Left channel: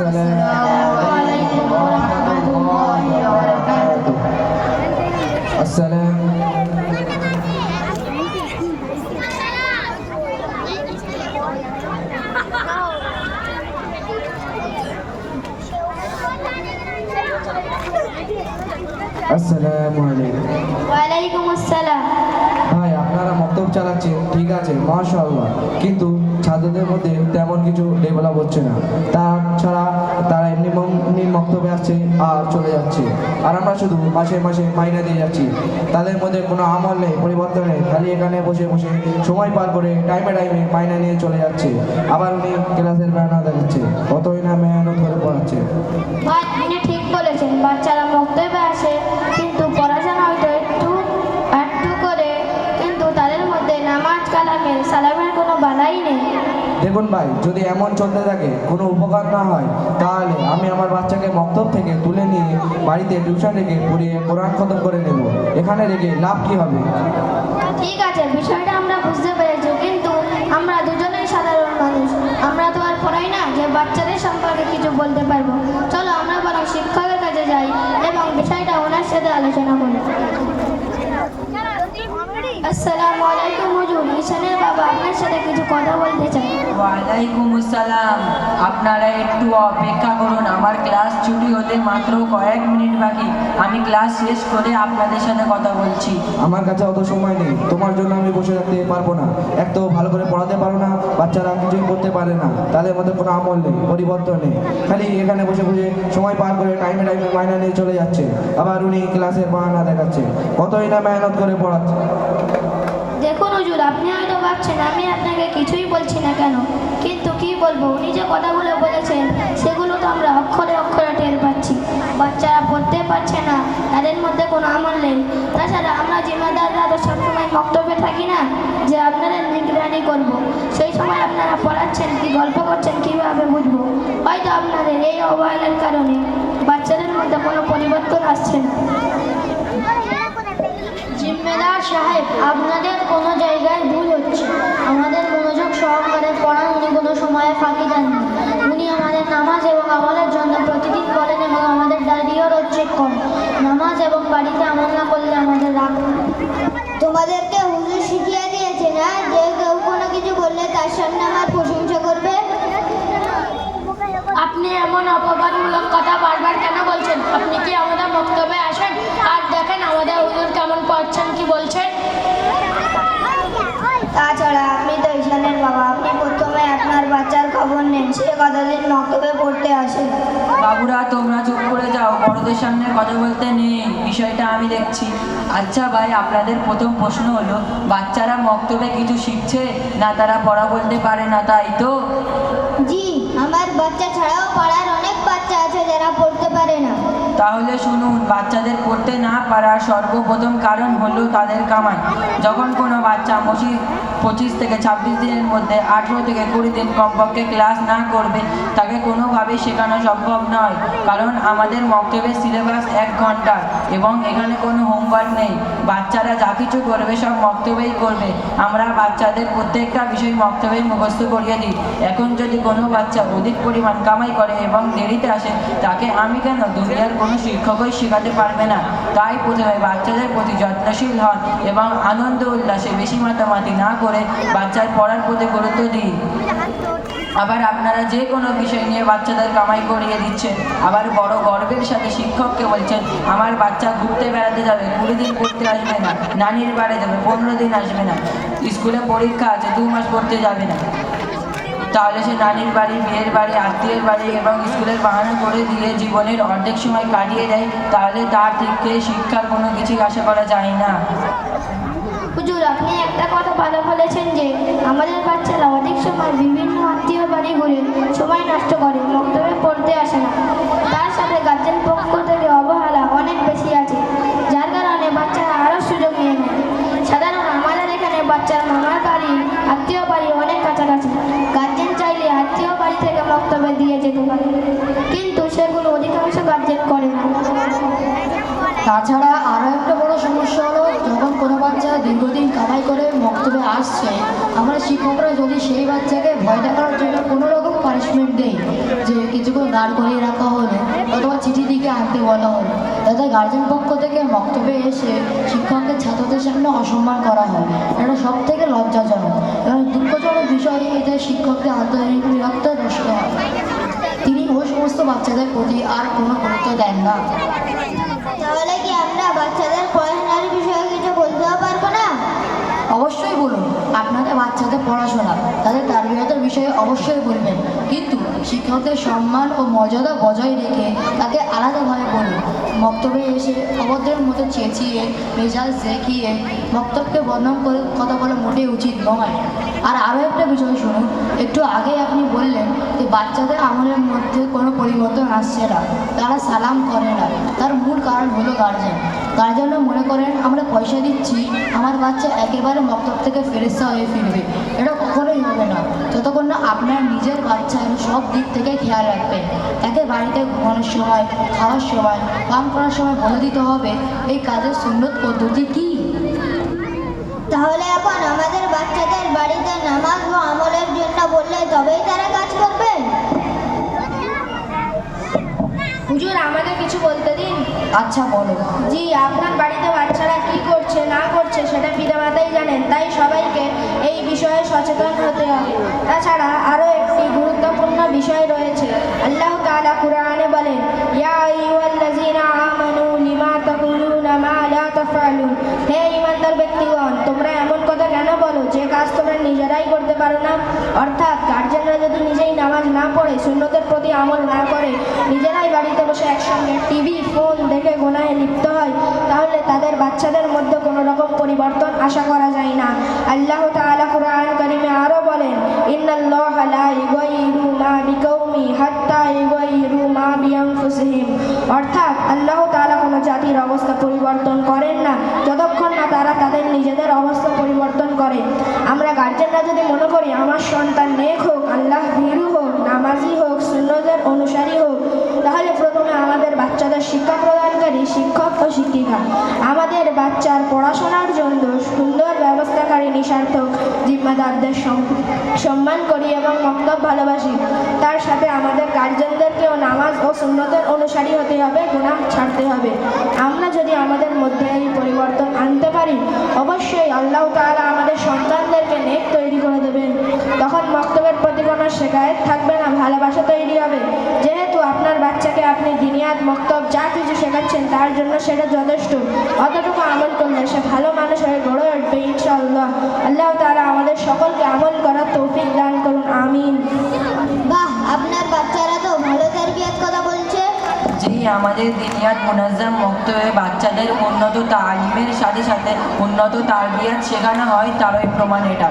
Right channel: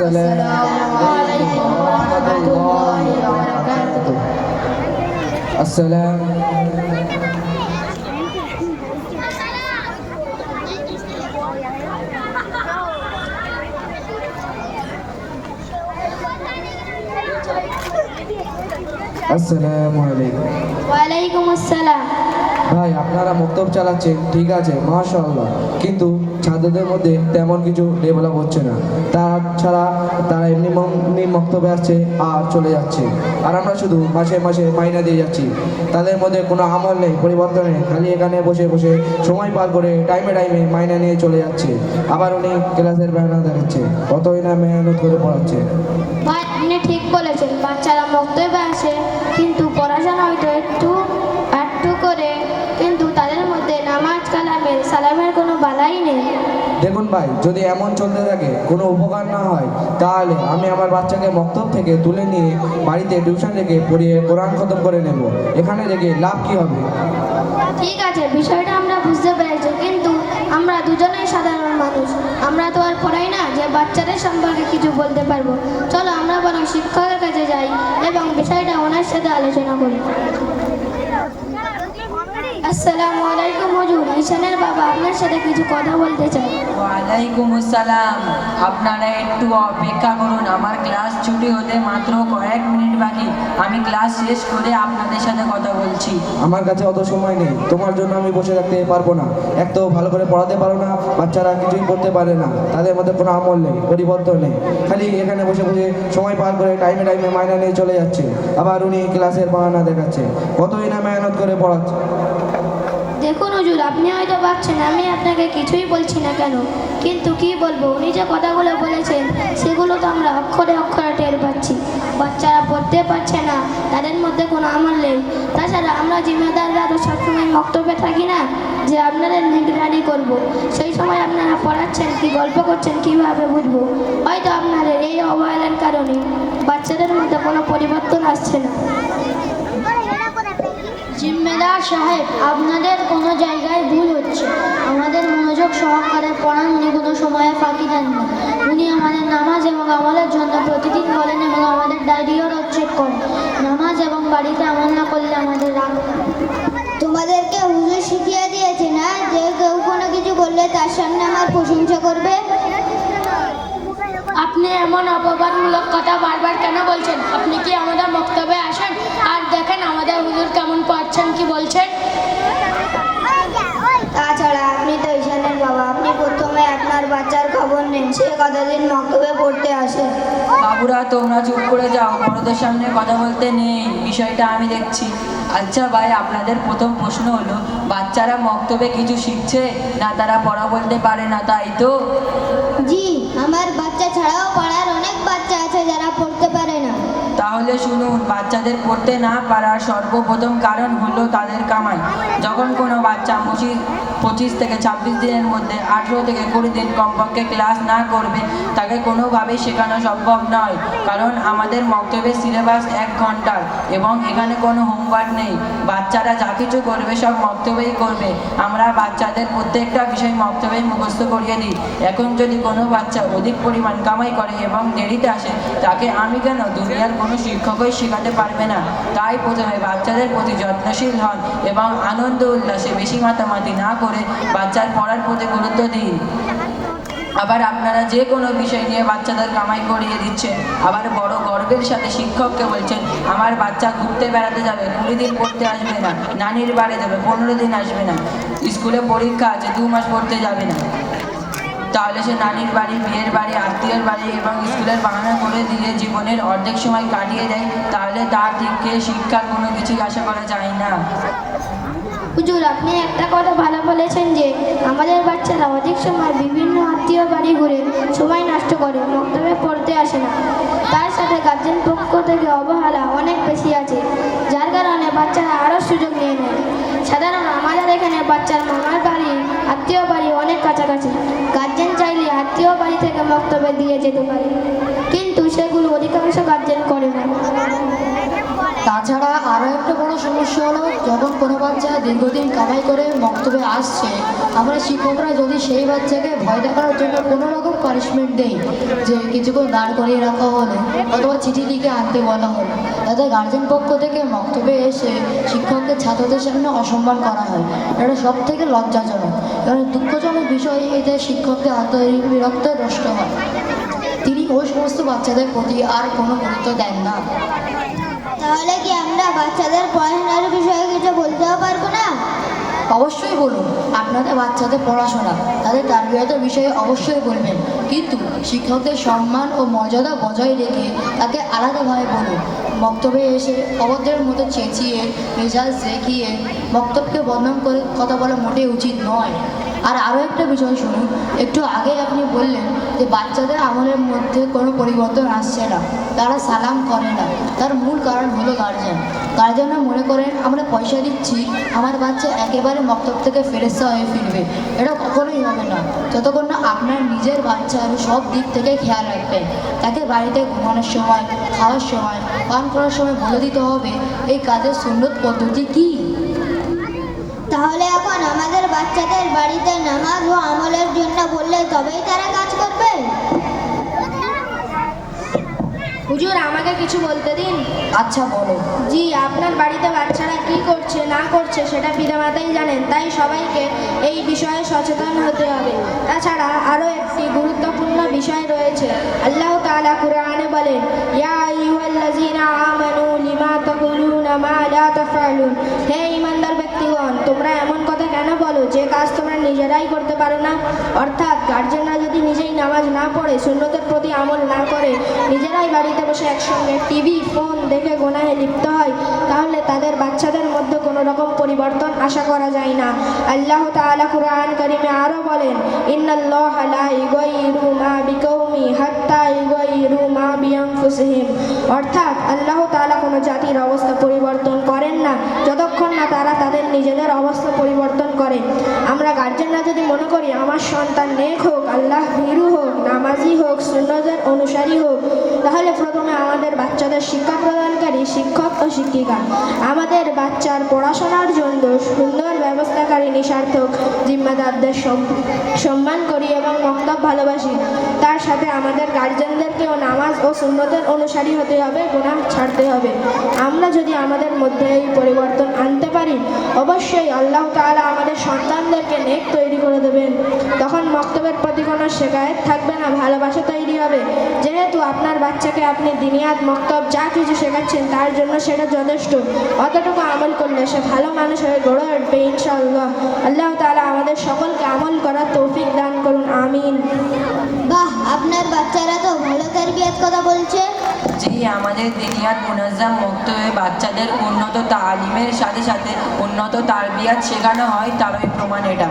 Assalamualaikum warahmatullahi wabarakatuh. আসসালামুয়ালাইকুম। ওয়ালাইকুম আসসালাম। ভাই আপনারা মক্তব চালাচ্ছেন ঠিক আছে মাশাআল্লাহ, কিন্তু ছাত্রদের মধ্যে তেমন কিছু ডেভেলপ হচ্ছে না। তাছাড়া তারা এমনি মক্তবে আসছে আর চলে যাচ্ছে, আর আমরা শুধু মাসে মাসে মাইনে দিয়ে যাচ্ছি। তাদের মধ্যে কোনো আমল নেই, পরিবর্তন নেই, খালি এখানে বসে বসে সময় পার করে টাইমে টাইমে মাইনে নিয়ে চলে যাচ্ছে। আবার উনি ক্লাসের বাহানা দেখাচ্ছে, কতই না মেহনত করে পড়াচ্ছে। ভাই আপনি ঠিক বলেছেন, বাচ্চারা মক্তবে আসে কিন্তু পড়াশোনা হয়তো একটু একটু করে, কিন্তু তাদের মধ্যে নামাজ কালামের সালামের কোনো বালাই নেই। দেখুন ভাই, যদি এমন চলতে থাকে কোনো উপকার না হয়, তাহলে আমি আমার বাচ্চাকে মক্তব থেকে তুলে নিয়ে বাড়িতে টিউশন রেখে পড়িয়ে কোরআন খতম করে নেব। এখানে রেখে লাভ কি হবে? ঠিক আছে, বিষয়টা আমরা বুঝতে পেরেছি, কিন্তু আমরা দুজনেই সাধারণ মানুষ, আমরা তো আর পড়াই না যে বাচ্চাদের সম্পর্কে কিছু বলতে পারবো। চলো আমরা বরং শিক্ষকের কাছে যাই এবং বিষয়টা ওনার সাথে আলোচনা করি। আসসালামু আলাইকুম হুজুর, ঈশানের বাবা আপনার সাথে কিছু কথা বলতে চাই। ওয়ালাইকুম আসসালাম। আপনারা একটু অপেক্ষা করুন, আমার ক্লাস ছুটি হতে মাত্র কয়েক মিনিট বাকি। আমি ক্লাস শেষ করে আপনাদের সাথে কথা বলছি। আমার কাছে অত সময় নেই, তোমার জন্য আমি বসে রাখতে পারবো না। এক তো ভালো করে পড়াতে পারো না, বাচ্চারা কিছুই করতে পারে না, তাদের মধ্যে কোনো আমল নেই, পরিবর্তন নেই, খালি এখানে বসে বসে সময় পার করে টাইমে টাইমে মাইনা নিয়ে চলে যাচ্ছে। আবার উনি ক্লাসের বাহানা দেখাচ্ছে, কতই না মেহনত করে পড়াচ্ছে। দেখুন হুজুর, আপনি হয়তো ভাবছেন আমি আপনাকে কিছুই বলছি না কেন, কিন্তু কি বলবো, উনি যে কথাগুলো বলেছেন সেগুলো তো আমরা অক্ষরে অক্ষরে টের পাচ্ছি। বাচ্চারা পড়তে পারছে না, তাদের মধ্যে কোনো আমল নেই। তাছাড়া আমরা জিম্মাদাররা তো সবসময় মক্তবে থাকি না যে আপনাদের নিগরানি করব। সেই সময় আপনারা পড়াচ্ছেন কি গল্প করছেন কীভাবে বুঝবো? হয়তো আপনাদের এই অবহেলার কারণে বাচ্চাদের মধ্যে কোনো পরিবর্তন আসছে না। জিম্মেদার সাহেব, আপনাদের কোনো জায়গায় ভুল হচ্ছে। আমাদের মনোযোগ সহকারে পড়ান, উনি কোনো সময়ে ফাঁকি দেন না। উনি আমাদের নামাজ এবং আমলের জন্য প্রতিদিন বলেন এবং আমাদের ডায়েরিও রোজ চেক করেন। নামাজ এবং বাড়িতে আমল না করলে আমাদের রাগ। তোমাদেরকে হুজুর শিখিয়ে দিয়েছে না যে কেউ কোনো কিছু করলে তার সামনে আমার প্রশংসা করবে। আপনি এমন অপবাদমূলক কথা বারবার কেন বলছেন? আপনি কি আমাদের মক্তবে আসেন আর দেখেন আমাদের হুজুর কেমন পড়ছেন কি বলছেন? তাছাড়া আপনি তো ঈশানের বাবা, আপনি প্রথমে আপনার বাচ্চার খবর নেন, সে কতদিন মক্তবে পড়তে আসে। বাবুরা তোমরা চুপ করে যাও, বড়দের সামনে কথা বলতে নেই, বিষয়টা আমি দেখছি। আচ্ছা ভাই, আপনাদের প্রথম প্রশ্ন হলো বাচ্চারা মক্তবে কিছু শিখছে না তারা পড়া বলতে পারে না, তাই তো? জি, আমার বাচ্চা ছাড়াও পাড়ার অনেক বাচ্চা আছে যারা পড়তে পারে না। তাহলে শুনুন, বাচ্চাদের পড়তে না পারার সর্বপ্রথম কারণ হলো তাদের কামাই। যখন কোনো বাচ্চা 25 থেকে 26 দিনের মধ্যে 18 থেকে 20 দিন কমপক্ষে ক্লাস না করবে, তাকে কোনোভাবেই শেখানো সম্ভব নয়। কারণ আমাদের মক্তবের সিলেবাস 1 ঘন্টার এবং এখানে কোনো হোমওয়ার্ক নেই। বাচ্চারা যা কিছু করবে সব মক্তবেই করবে। আমরা বাচ্চাদের প্রত্যেকটা বিষয় মক্তবেই মুখস্থ করিয়ে দিই। এখন যদি কোনো বাচ্চা অধিক পরিমাণ কামাই করে এবং দেরিতে আসে, তাকে আমি কেন দুনিয়ার কোনো শিক্ষকই শেখাতে পারবে না। তাই প্রথমে বাচ্চাদের প্রতি যত্নশীল হন এবং আনন্দ উল্লাসে বেশি মাতামাতি না করে বাচ্চার পড়ার প্রতি গুরুত্ব দিন। আবার আপনারা যে কোনো বিষয় নিয়ে বাচ্চাদের কামাই করিয়ে দিচ্ছেন, আবার বড় গর্বের সাথে শিক্ষককে বলছেন আমার বাচ্চা ঘুরতে বেড়াতে যাবে, 20 দিন পড়তে আসবে না, নানির বাড়ি যাবে, 15 দিন আসবে না, স্কুলে পরীক্ষা আছে 2 মাস পড়তে যাবে না। তাহলে সে নানির বাড়ি, বিয়ের বাড়ি, আত্মীয়ের বাড়ি এবং স্কুলের বাহানা করে দিয়ে জীবনের অর্ধেক সময় কাটিয়ে দেয়, তাহলে তার থেকে শিক্ষার কোনো কিছুই আশা করা যায় না। হুজুর, আপনি একটা কথা ভালো বলেছেন যে আমাদের বাচ্চারা অধিক সময় বিভিন্ন আত্মীয় বাড়ি ঘুরে সময় নষ্ট করে, মক্তবে পড়তে আসে না। তার সাথে গার্জেন পক্ষ থেকে অবহেলা অনেক বেশি আছে, যার কারণে বাচ্চারা আরও সুযোগ নিয়ে নেয়। সাধারণত আমাদের এখানে বাচ্চার মামার বাড়ি, আত্মীয় বাড়ি অনেক কাছাকাছি। গার্জেন চাইলে আত্মীয় বাড়ি থেকে মক্তবে দিয়ে যেতে পারে, কিন্তু সেগুলো অধিকাংশ গার্জেন করে না। তাছাড়া আরও একটা বড় সমস্যা হলো, যখন কোনো বাচ্চা দীর্ঘদিন কামাই করে মক্তবে আসছে, আমরা শিক্ষকরা যদি সেই বাচ্চাকে ভয় দেখানোর জন্য কোনো রকম পানিশমেন্ট দেই, যে কিছুক্ষণ দাঁড় করিয়ে রাখা হলো অথবা চিঠি লিখে আনতে বলা হলো, তাতে গার্জেন পক্ষ থেকে মক্তবে এসে শিক্ষককে ছাত্রদের সামনে অসম্মান করা হয়, এটা সব থেকে লজ্জাজনক এবং দুঃখজনক বিষয় এই যে শিক্ষকদের আন্তরিক বিরক্ত নষ্ট হয়। তিনি ওই সমস্ত বাচ্চাদের প্রতি আর কোনো গুরুত্ব দেন না। তাহলে কি আমরা বাচ্চাদের পড়াশোনার বিষয়ে কিছু বলতেও পারবো না? অবশ্যই বলুন, আপনাদের বাচ্চাদের পড়াশোনা, তাদের তারবিয়তের বিষয়ে অবশ্যই বলবেন, কিন্তু শিক্ষকদের সম্মান ও মর্যাদা বজায় রেখে তাকে আলাদাভাবে বলুন। বক্তব্যে এসে অবদ্ধের মতো চেঁচিয়ে মেজাজ দেখিয়ে বক্তব্যকে বদনাম করে কথা বলা মোটেই উচিত নয়। আর আরও একটা বিষয় শুনুন, একটু আগে আপনি বললেন যে বাচ্চাদের আমলের মধ্যে কোনো পরিবর্তন আসছে না, তারা সালাম করে না, তার মূল কারণ হলো গার্জেনরা মনে করেন আমরা পয়সা দিচ্ছি, আমার বাচ্চা একেবারে মক্তব থেকে ফেরেশতা হয়ে ফিরবে। এটা কখনোই হবে না যতক্ষণ না আপনার নিজের বাচ্চার সব দিক থেকে খেয়াল রাখবেন। তাকে বাড়িতে ঘুমানোর সময়, খাওয়ার সময়, পান করার সময় বলে দিতে হবে এই কাজের সুন্নত পদ্ধতি কী। তাহলে এখন আমাদের বাচ্চাদের বাড়িতে নামাজ ও আমলের জন্য বললে তবেই তারা কাজ করবে? হুজুর, আমাকে কিছু বলতে দিন। আচ্ছা বলো। জি, আপনার বাড়িতে বাচ্চারা কি করছে না করছে সেটা পিতামাতাই জানেন, তাই সবাইকে এই বিষয়ে সচেতন হতে হবে। তাছাড়া আরও একটি গুরুত্বপূর্ণ বিষয় রয়েছে। আল্লাহ তাআলা কুরআনে বলেন, ইয়া আইয়ুহাল্লাযীনা আমানু লিমা তাকুলুনা মা লা তাফআলুন। হে ঈমানদার ব্যক্তিগণ, তোমরা এমন কথা কেন বলো যে কাজ তোমরা নিজেরাই করতে পারো না? অর্থাৎ গার্জেনরা যদি নিজেই নামাজ না পড়ে, সুন্নতের প্রতি আমল না করে, নিজেরাই বাড়িতে বসে একসঙ্গে টিভি, ফোন দেখে গুনাহে লিপ্ত হয়, তাহলে তাদের বাচ্চাদের মধ্যে কোনো রকম পরিবর্তন আশা করা যায় না। আল্লাহ তাআলা কুরআন কারীমে আরও বলেন, ইন্নাল্লাহা লা ইউগাইয়িরু মা বিকাউমি হাত্তা ইউগাইয়িরু মা বিআনফুসিহিম। অর্থাৎ আল্লাহ তাআলা কোনো জাতির অবস্থা পরিবর্তন করেন না যতক্ষণ না তারা তাদের নিজেদের অবস্থা পরিবর্তন করে। আমরা গার্জেনরা যদি মনে করি আমার সন্তান নেক হোক, আল্লাহ ভীরু হোক, নামাজি হোক, সুন্নতের অনুসারী হোক, তাহলে প্রথমে আমাদের বাচ্চাদের শিক্ষা প্রদানকারী শিক্ষক ও শিক্ষিকা, আমাদের বাচ্চার পড়াশোনার জন্য সুন্দর ব্যবস্থাকারী নিঃস্বার্থক জিম্মাদারদের সম্মান করি এবং মক্তব ভালোবাসি। তার সাথে আমাদের গার্জেনদেরকেও নামাজ ও সুন্নতের অনুসারী হতে হবে, গুনাহ ছাড়তে হবে। আমরা যদি আমাদের মধ্যে এই পরিবর্তন আনতে পারি, অবশ্যই আল্লাহ তাআলা আমাদের সন্তানদেরকে নেক তৈরি করে দেবেন। তখন মক্তবের প্রতি কোনো শেকায়েত থাকবে না, ভালোবাসা তৈরি হবে। যেহেতু আপনার বাচ্চাকে আপনি দিনিয়াত, মক্তব যা কিছু শেখাচ্ছেন তার জন্য সেটা যথেষ্ট, অতটুকু আমল করলে সে ভালো মানুষ হয়ে গড়ে উঠবে ইনশাআল্লাহ। আল্লাহ তাআলা আমাদের সকলকে আমল করার তৌফিক দান করুন, আমিন। বাহ, আপনার বাচ্চারা তো ভালো তারবিয়াত কথা বলছে। জি, আমাদের দিনিয়াত মুনাজ্জাম মক্তবে বাচ্চাদের উন্নত তালিমের সাথে সাথে উন্নত তারবিয়াত শেখানো হয়, তারই প্রমাণ এটা।